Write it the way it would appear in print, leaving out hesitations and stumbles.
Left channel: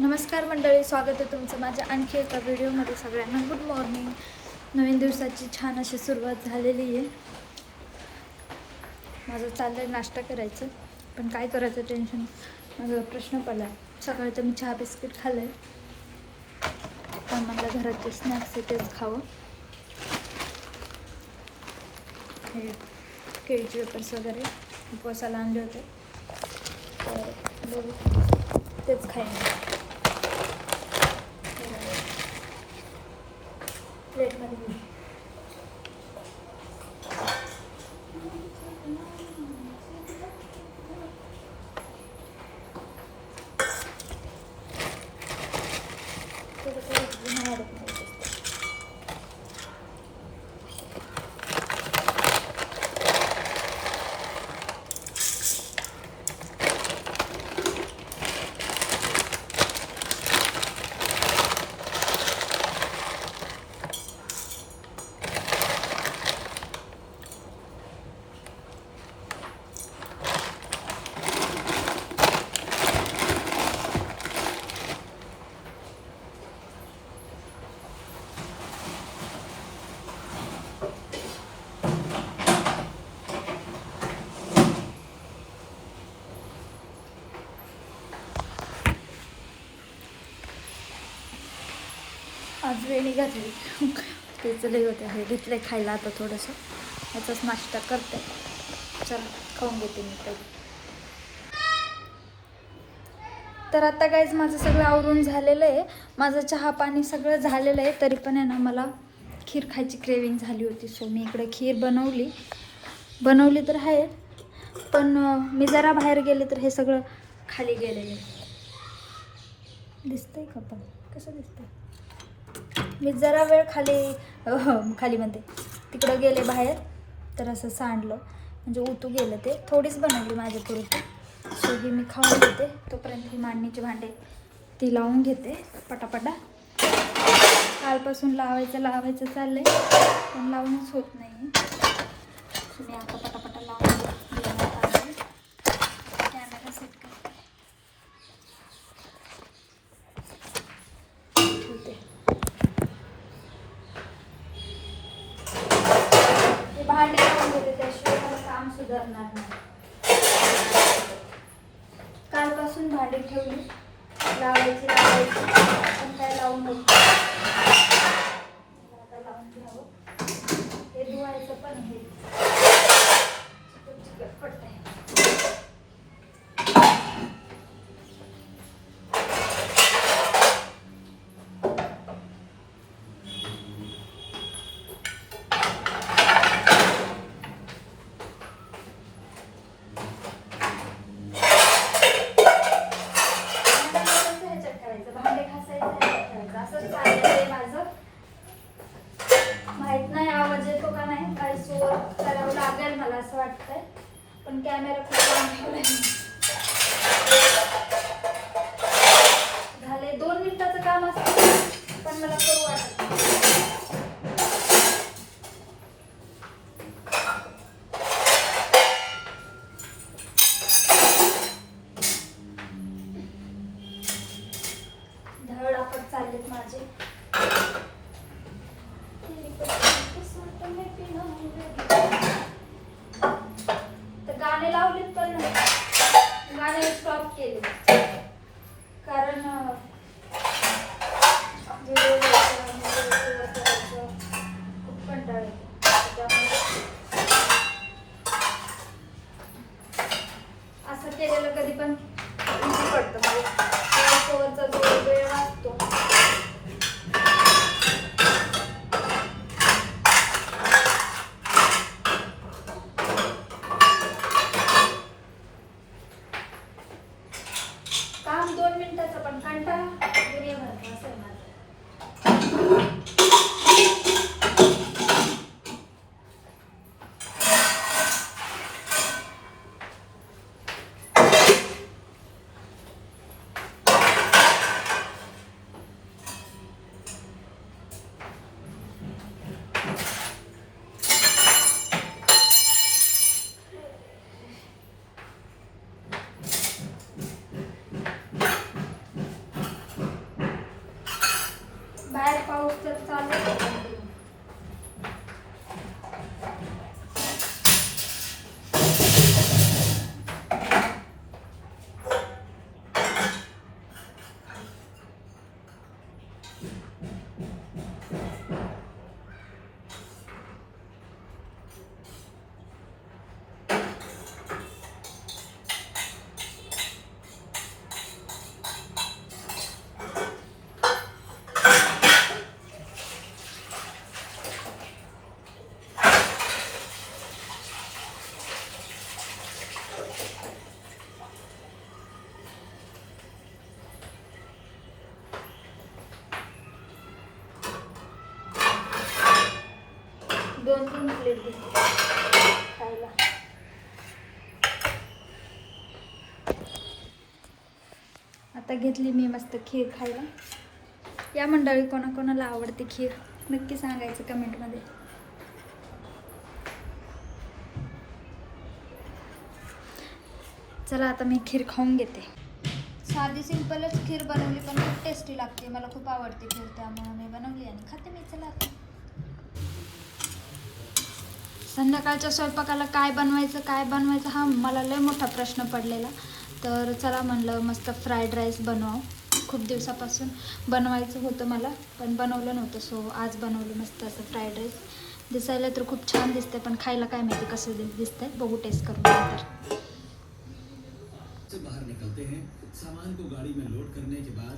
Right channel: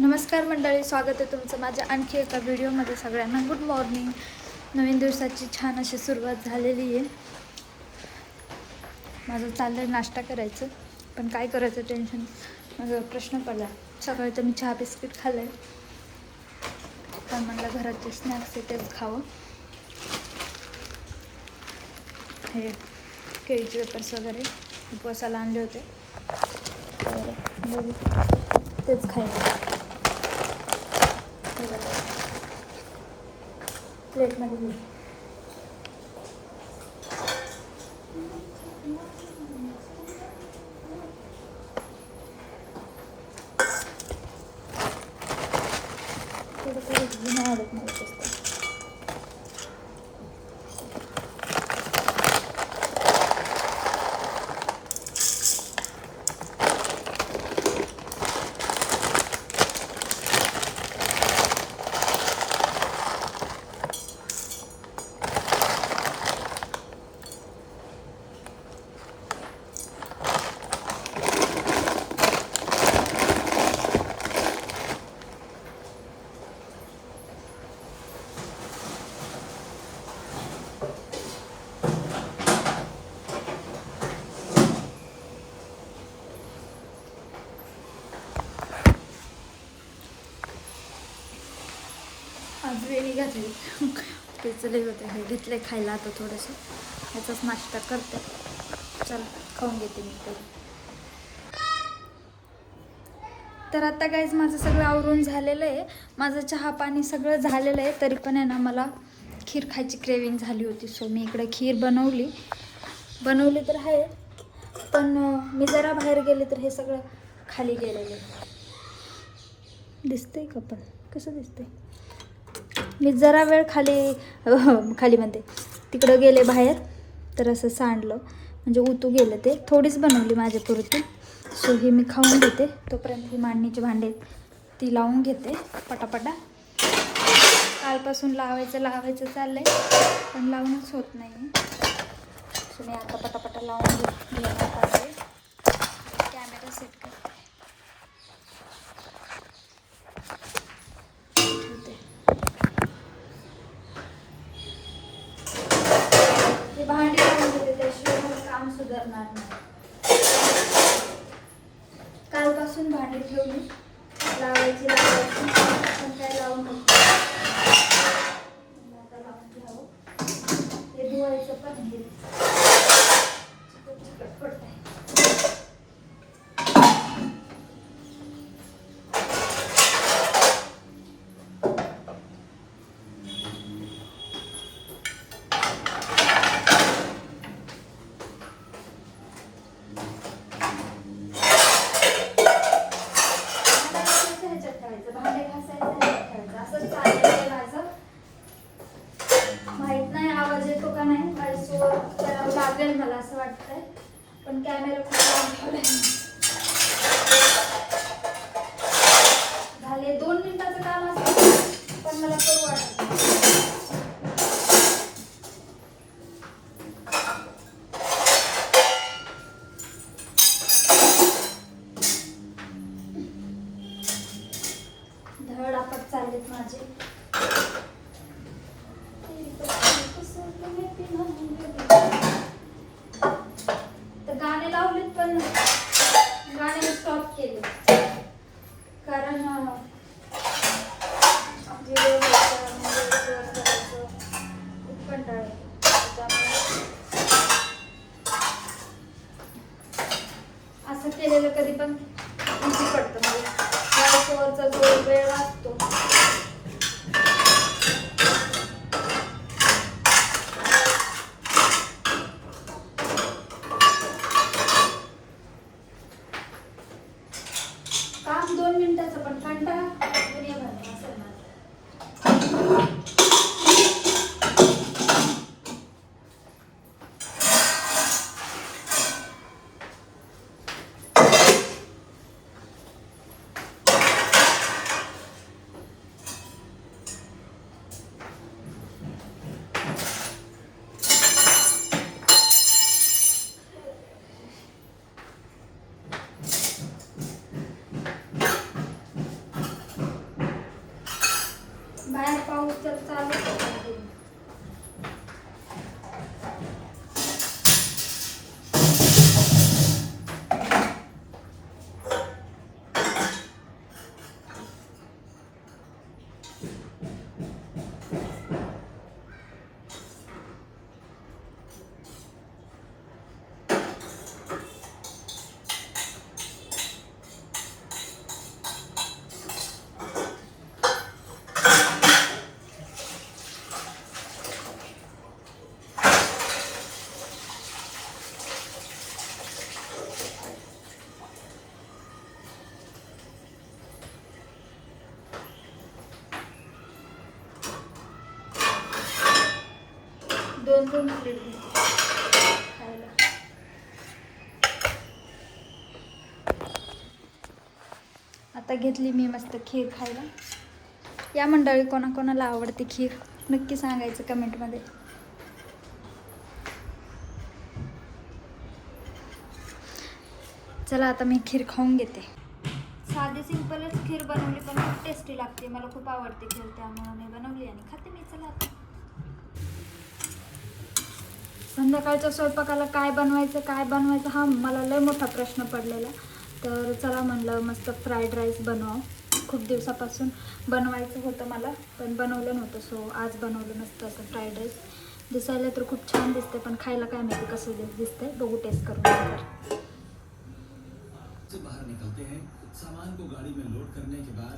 नमस्कार मंडळी, स्वागत आहे तुमचं माझ्या आणखी एका व्हिडिओमध्ये. सगळ्यांना गुड मॉर्निंग. नवीन दिवसाची छान अशी सुरुवात झालेली आहे. माझं चाललं आहे नाश्ता करायचं, पण काय करायचं टेन्शन, माझा प्रश्न पडला. सकाळी तर मी चहा बिस्किट खाल्लं आहे, पण म्हटलं घराचे स्नॅक्स आहे तेच खावं. हे केळीचे वेपर्स वगैरे उपवासाला आणले होते, तर बघू तेच खायला. प्लेटमध्ये घेऊ. थोडं नाही आवडत मला जास्त. आज वेणी घातली, पेचले होते, हे घेतले खायला. आता थोडंसं ह्याचाच नाश्ता करते. चला खाऊन घेते मी काही. तर आता गाईज माझं सगळं आवरून झालेलं आहे. माझं चहा पाणी सगळं झालेलं आहे, तरी पण आहे ना मला खीर खायची क्रेविंग झाली होती. सो मी इकडे खीर बनवली तर आहे, पण मी जरा बाहेर गेले तर हे सगळं खाली गेलेलं आहे. दिसतंय का? पण कसं दिसतंय? मी जरा वेळ खाली म्हणते तिकडं गेले बाहेर, तर असं सांडलं, म्हणजे उतू गेलं. ते थोडीच बनवली माझ्यापुरती. सो ही मी खाऊन घेते. तोपर्यंत ही मांडणीची भांडे ती लावून घेते पटापटा. कालपासून लावायचं चाललंय, पण लावूनच होत नाही. सो मी आता पटापटा लावून घेते. कॅमेरा सेट करते. ते भांडे लावून घेते, त्याशिवाय मला काम सुधारणार नाही. कालपासून भांडी ठेवली, लावायची पण काय लावून बघते. आता लावून घ्यावं. ते धुवायचं पण हे चिकट पडतंय. भांडे घासायचं असं चाललंय माझं. माहित नाही आवाज येतो का नाही, व्हॉइस ओव्हर करावं लागेल मला असं वाटतंय, पण कॅमेरा खूप लांब ठेवलाय. झाले 2 मिनिटाचं काम असतं, पण मला करू वाटत नाही. धडापट चाललेत माझे. तर गाणे लावलेत, पण गाणे स्टॉप केले, कारण खूप कंटाळा येतो. त्यामुळे असं केलेलं कधी पण इझी पडतं मला. वरचा जो वेळ वाचतो. काम 2 मिनिटाचं, पण कंटाळा दुनियाभरचा असेल ना. पाऊस तर चालू आहे. दोन प्लेट घेतली खायला. आता घेतली मी मस्त खीर खायला. या मंडळी कोणाकोणाला आवडते खीर नक्की सांगायचं कमेंटमध्ये. चला आता मी खीर खाऊन घेते. साधी सिंपलच खीर बनवली पण खूप टेस्टी लागते. मला खूप आवडते खीर, त्यामुळे मी बनवली आणि खाते मी. चला आता संध्याकाळच्या स्वयंपाकाला काय बनवायचं हा मला लय मोठा प्रश्न पडलेला. तर चला म्हणलं मस्त फ्राईड राईस बनवावं. खूप दिवसापासून बनवायचं होतं मला, पण बनवलं नव्हतं. सो आज बनवलं मस्त असं फ्राईड राईस. दिसायला तर खूप छान दिसतंय, पण खायला काय माहिती कसं दिसतंय. बघू टेस्ट करून नंतर. से बाहर निकलते हैं, सामान को गाड़ी में लोड करने के बाद